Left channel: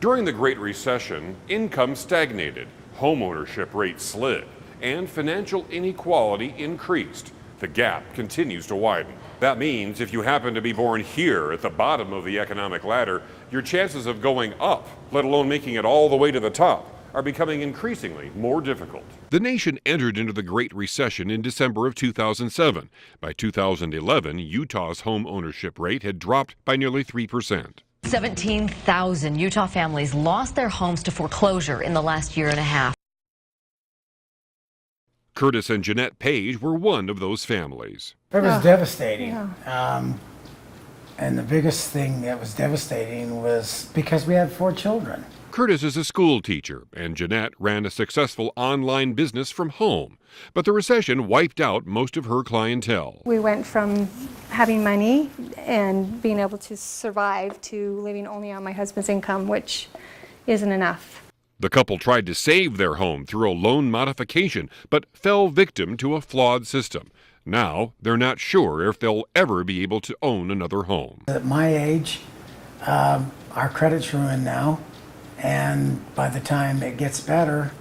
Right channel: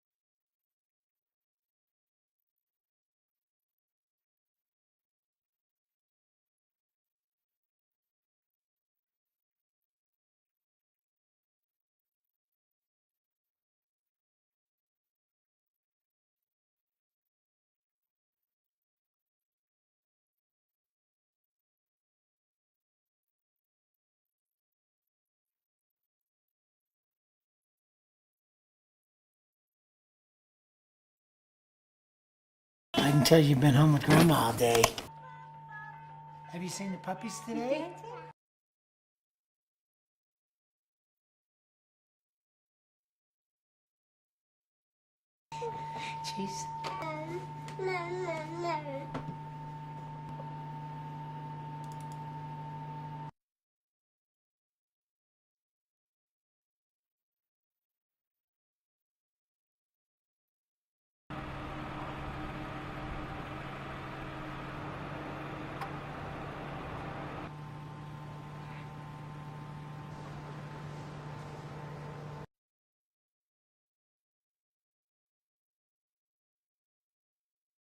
During the Great Recession, income stagnated, homeownership rates slid, and financial inequality increased. The gap continues to widen. That means if you happen to be born here at the bottom of the economic ladder, your chances of going up, let alone making it all the way to the top, are becoming increasingly more difficult. The nation entered into the Great Recession in December of 2007. By 2011, Utah's home ownership rate had dropped by nearly 3%. 17,000 Utah families lost their homes to foreclosure in the last year and a half. I can tell you've been home with Grandma all day. Curtis and Jeanette Page were one of those families. It was devastating. And the biggest thing that was devastating was because we had 4 children. Curtis is a school teacher, and Jeanette ran a successful online business from home. But the recession wiped out most of her clientele. We went from having money and being able to survive to living only on my husband's income, which isn't enough. The couple tried to save their home through a loan modification, but fell victim to a flawed system. Now, they're not sure if they'll ever be able to own another home. At my age, our credit's ruined now, and by the time it gets better,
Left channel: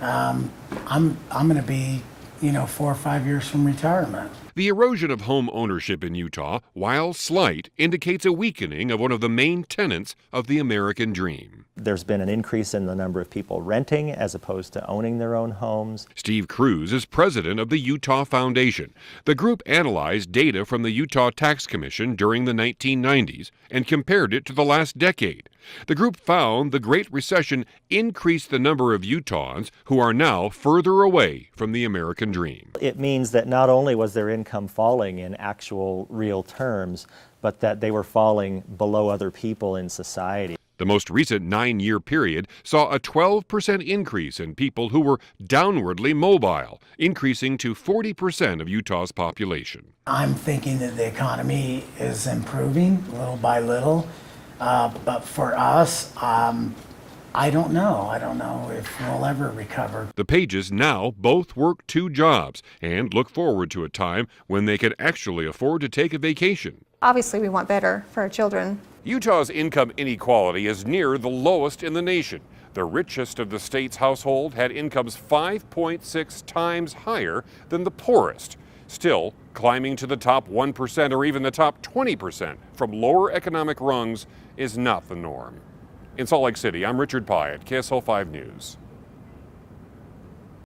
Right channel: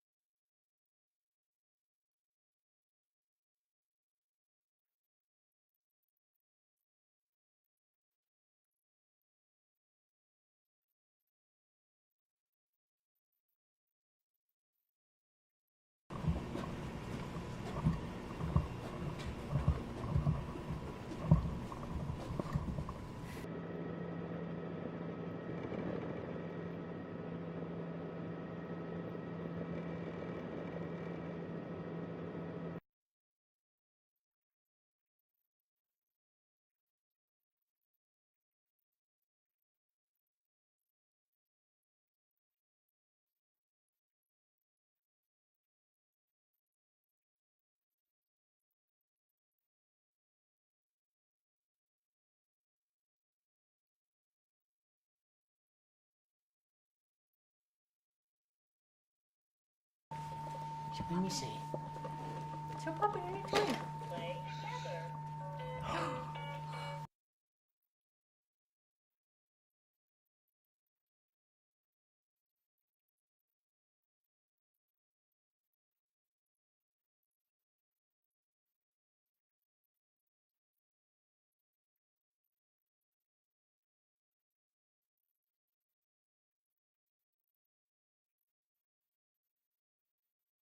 I'm going to be, 4 or 5 years from retirement. The erosion of home ownership in Utah, while slight, indicates a weakening of one of the main tenets of the American dream. There's been an increase in the number of people renting as opposed to owning their own homes. Steve Cruz is president of the Utah Foundation. The group analyzed data from the Utah Tax Commission during the 1990s and compared it to the last decade. The group found the Great Recession increased the number of Utahns who are now further away from the American dream. It means that not only was their income falling in actual real terms, but that they were falling below other people in society. The most recent 9-year period saw a 12% increase in people who were downwardly mobile, increasing to 40% of Utah's population. I'm thinking that the economy is improving little by little. But for us, I don't know. I don't know if we'll ever recover. The Pages now both work 2 jobs and look forward to a time when they can actually afford to take a vacation. Obviously, we want better for our children. Utah's income inequality is near the lowest in the nation. The richest of the state's household had incomes 5.6 times higher than the poorest. Still, climbing to the top 1% or even the top 20% from lower economic rungs is not the norm. In Salt Lake City, I'm Richard Piatt, KSL 5 News.